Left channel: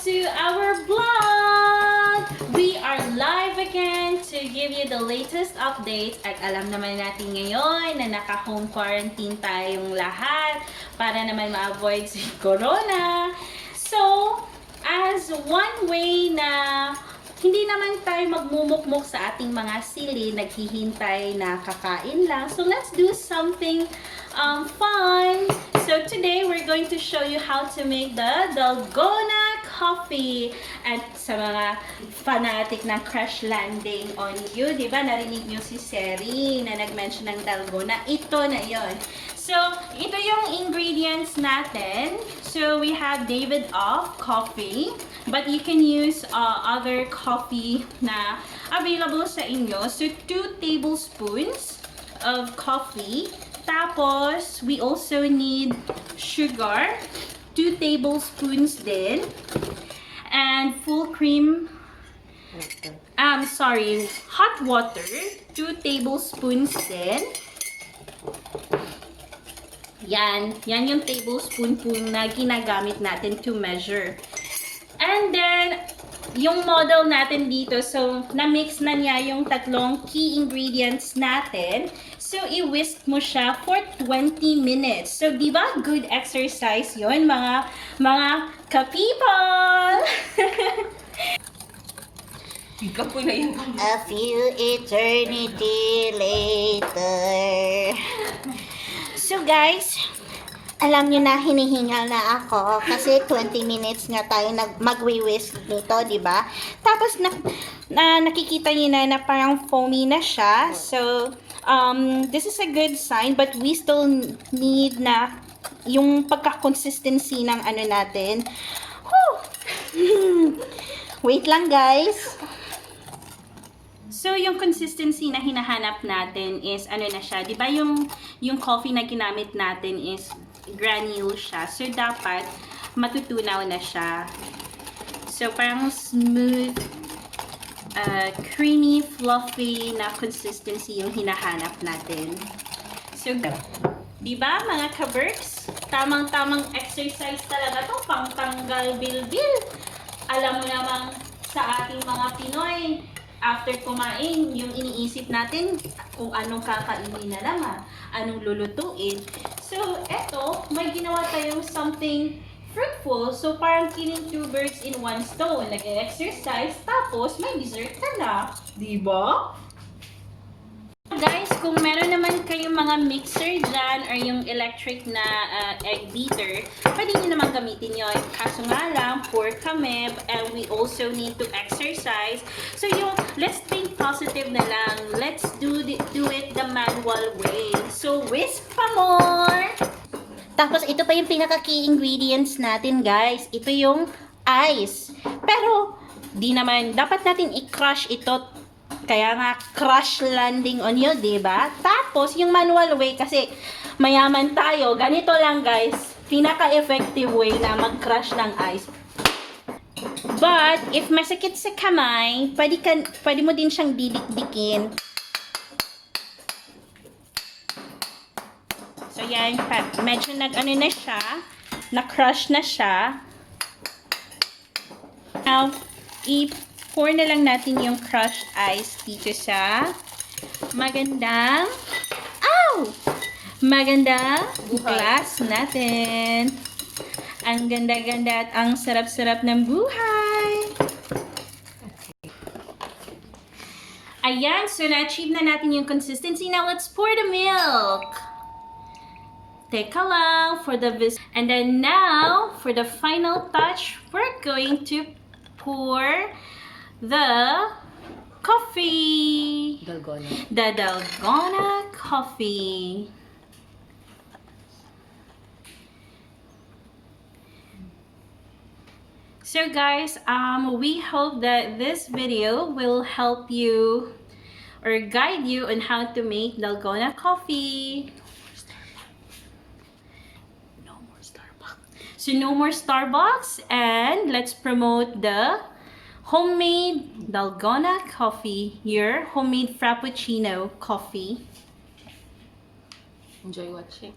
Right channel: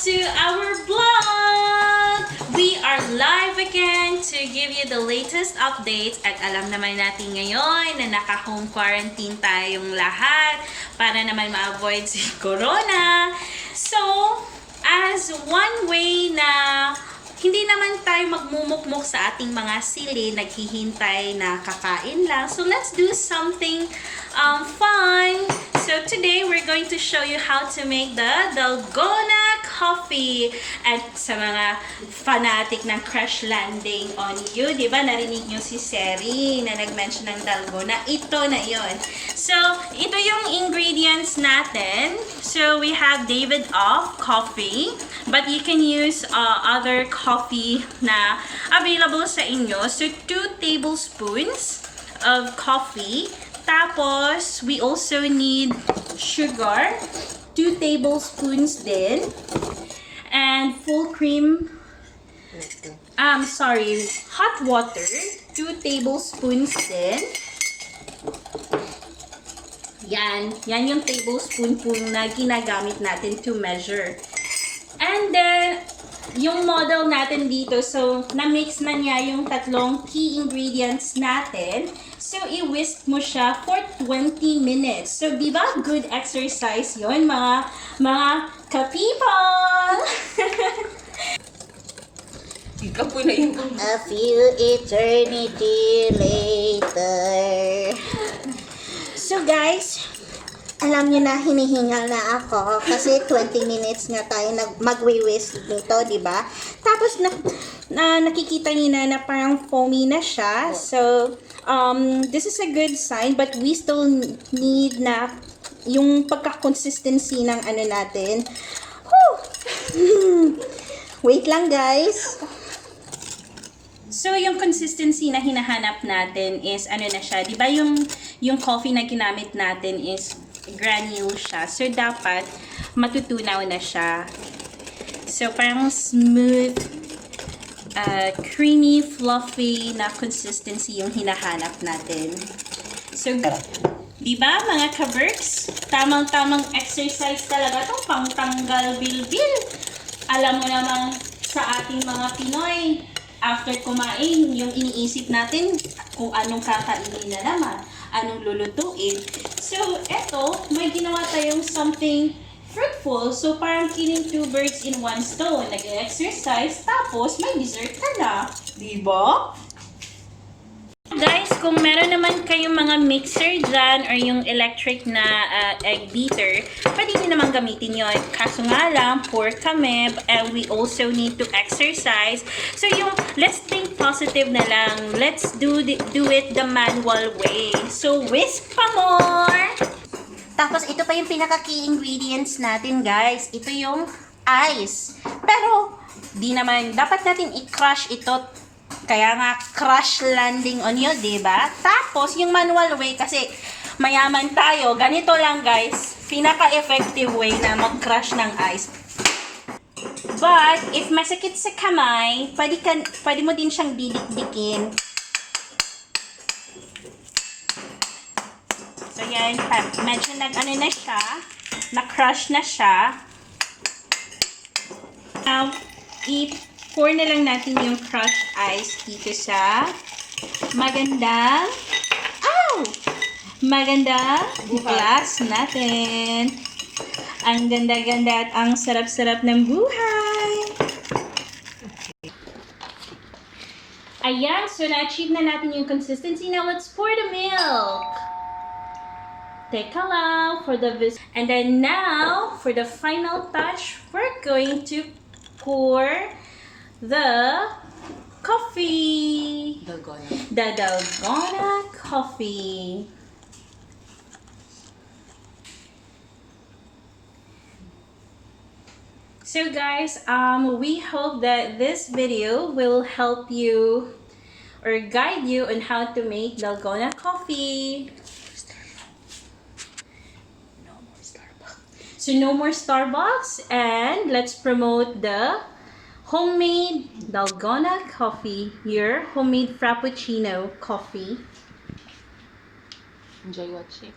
to our vlog! We are live again to give you the latest updates. At alam naman natin ngayon na naka-home quarantine tayong lahat para naman ma-avoid si Corona. So, as one way na hindi naman tayo magmumukmuk sa ating mga sili, naghihintay na kakain lang. So, let's do something fun. So, today, we're going to show you how to make the dalgona coffee. At sa mga fanatic ng crash landing on you, di ba? Narinig nyo si Seri na nag-mention ng dalgona. Ito na yon. So, ito yung ingredients natin. So, we have David of coffee. But you can use other coffee na available sa inyo. So, 2 tablespoons of coffee. Tapos, we also need sugar. 2 tablespoons din. And full cream. Hot water. 2 tablespoons din. Yan yung tablespoon po na ginagamit natin to measure. And then, yung model natin dito, so, na-mix na niya yung tatlong key ingredients natin. So, i-whisk mo siya for 20 minutes. So, di ba good exercise yon mga ka-people? A few eternity later. So, guys, alam nyo na, hinihingal na ako kasi 20 minutes nga tayo mag-whisk nito, di ba? Tapos, nakikita nyo na parang foamy na siya. So, this is a good sign, but we still need na yung pagka-consistency ng ano natin. Wait lang, guys. So, yung consistency na hinahanap natin is, ano na siya, di ba yung coffee na ginamit natin is granule siya. So, dapat matutunaw na siya. So, parang smooth, creamy, fluffy na consistency yung hinahanap natin. So, di ba mga ka-Berks? Tamang-tamang exercise talaga to, pang-tanggal bilbil. Alam mo naman sa ating mga Pinoy, after kumain, yung iniisip natin kung anong kakainin na naman, anong lulutuin. So, eto, may ginawa tayong something fruitful. So, parang killing 2 birds in 1 stone. Nag-exercise, tapos may dessert ka na. Diba? Guys, kung meron naman kayong mga mixer dyan or yung electric na egg beater, pwede nyo naman gamitin yun. Kaso nga lang, poor kami, and we also need to exercise. So yung, let's think positive na lang. Let's do it the manual way. So whisk pa more! Tapos, ito pa yung pinaka-key ingredients natin, guys. Ito yung ice. Pero, di naman, dapat natin i-crush ito. Kaya nga, crash landing on you, diba? Tapos, yung manual way, kasi mayaman tayo, ganito lang, guys. Pinaka-effective way na mag-crush ng ice. But, if masakit sa kamay, pwede mo din siyang didik-dikin. So, yan. Medyo nag-ano na siya. Na-crush na siya. Now, pour na lang natin yung crushed ice dito sa magandang glass natin. Ang ganda-ganda at ang sarap-sarap ng buhay. Ayan, so na-achieve na natin yung consistency. Now, let's pour the milk. Teka lang for the and then now, for the final touch, we're going to pour the coffee. The dalgona coffee. So guys, we hope that this video will help you or guide you on how to make dalgona coffee. So no more Starbucks, and let's promote the homemade dalgona coffee, your homemade frappuccino coffee. Enjoy watching.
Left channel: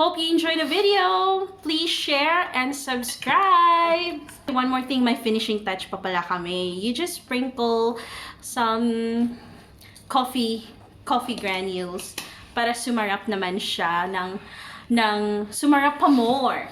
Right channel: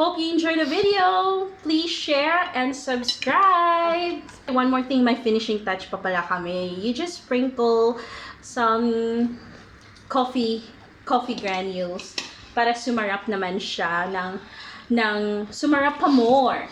Hope you enjoyed the video. Please share and subscribe. One more thing, may finishing touch pa pala kami. You just sprinkle some coffee granules para sumarap naman siya ng sumarap pa more.